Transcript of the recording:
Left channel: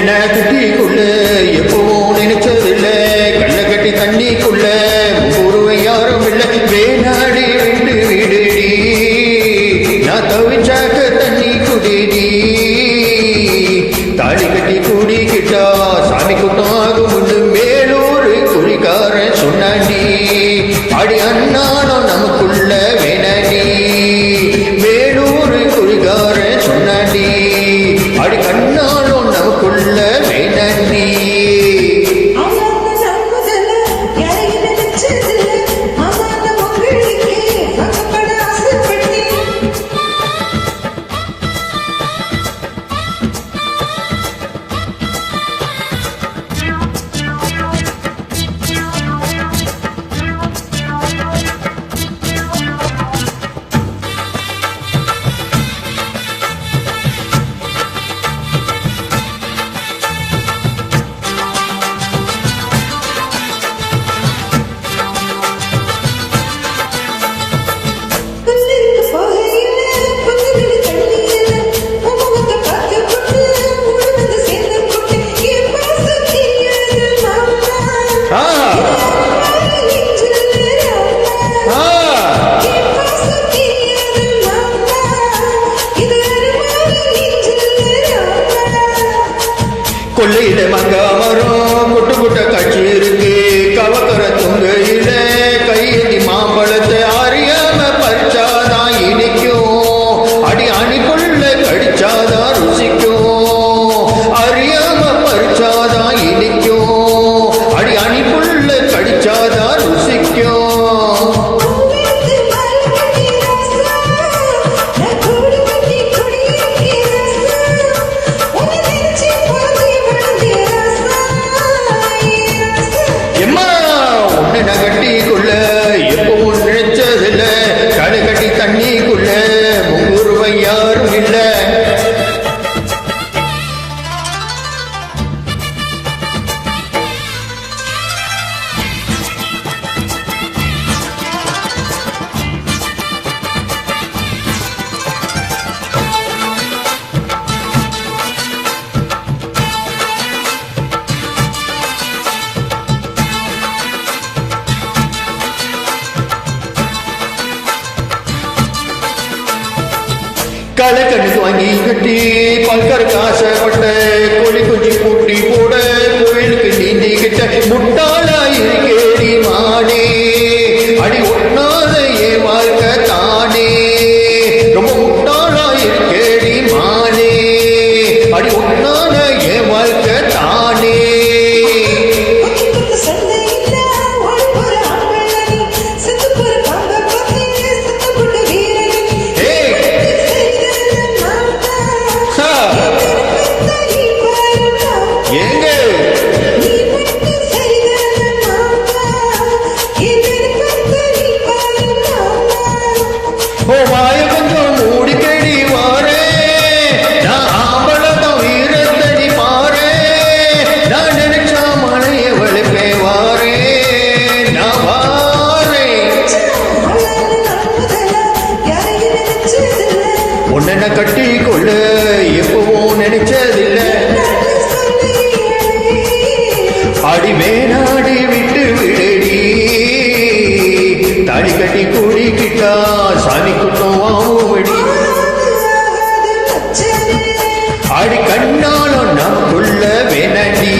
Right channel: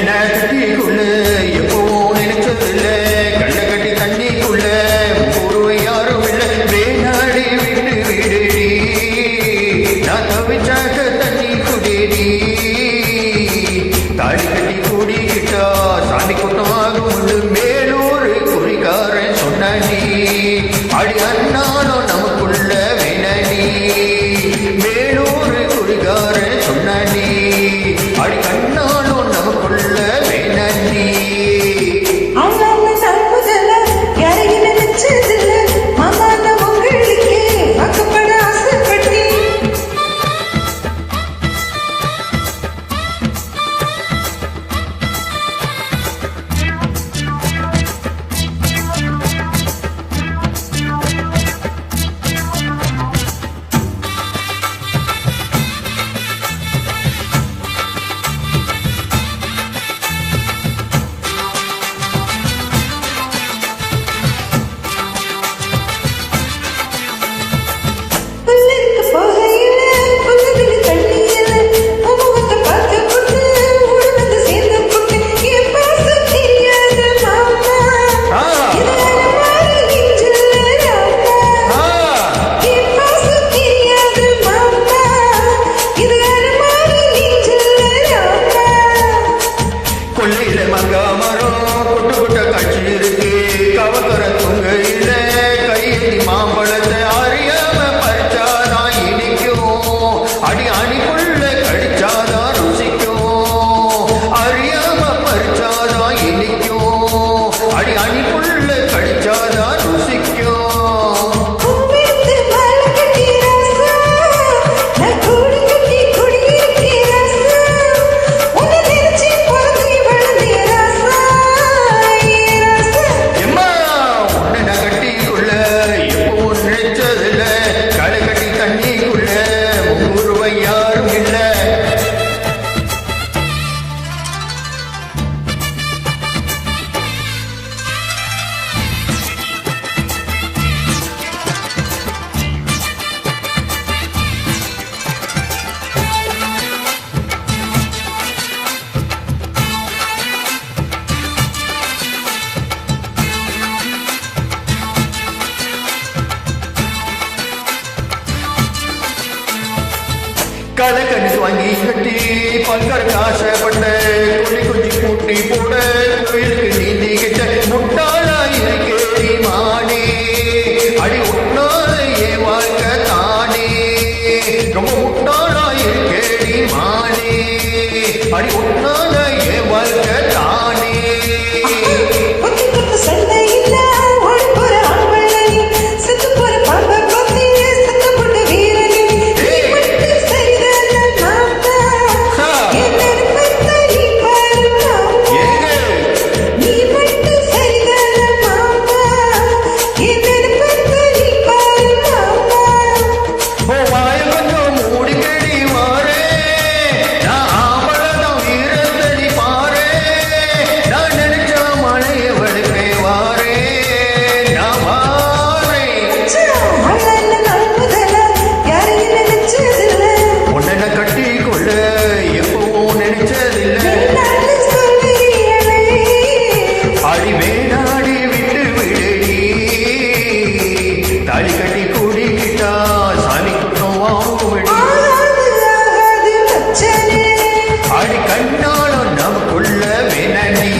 உன்னை கட்டிக்குள்ள எப்பவும் நினைச்சதில்ல கள்ள கட்டி தண்ணிக்குள்ள முகூருவை யாரும் இல்லை வேணாடி விட்டு விடுடி நான் தவிச்சாக்க தண்ணி குடிடி தாடி கட்டி கூடிக்கிட்டா சாமி கூட்டம் ஆகும் மேலூர் குறிக்காரன் சொன்னாண்டி அடி அண்ணானோ நமக்குள்ள வேணாண்டி மேலூர் குறிக்காரன் சொன்னாண்டி அடி கண்ணானோ நமக்குள்ள வேணாண்டி கொள்ளையில மங்கா மரம் குட்டு குட்ட காட்சி இருக்கு கவக்கர துங்கையில கையெத்தி மாம்பழத்தை அறியாம பறிச்சாதான் இனிக்கும் அடி அணிக்குள்ள கடிச்சாதான் ருசிக்கும் அறியாம பறிச்சாதான் இனிக்கும் அடி அணிக்குள்ள கடிச்சாதான் ருசிக்கும் கட்டிக்குள்ள எப்பவும் நினைச்சதில்ல களை கட்டி தண்ணிக்குள்ள முகூர்வை யாரும் இல்லை கலக்கண்ணுக்கு வாங்கி கட்டி பல்கருக்கு ஆசைப்பட்ட கோழி குஞ்சு கூட்டி போட கோயிலுக்கு நீந்தி கிட்ட முட்டாளா இருக்கேடி மானே அடி ஒட்டாத என் வாழ்க்கை தானே ரொம்ப முட்டாளா இருக்கேடி மானே அடி ஒட்டாத என் வாழ்க்கை தானே உன்னை கட்டிக்கொள்ள எப்பவும் நினைச்சதில்லை அடி வேணாடி விட்டு விடடி தாடி கட்டி கூடிக்கிட்டா சாமி குட்டம் வாங்குவடி அடி கண்ணாலும் நமக்குள்ள வேணாண்டி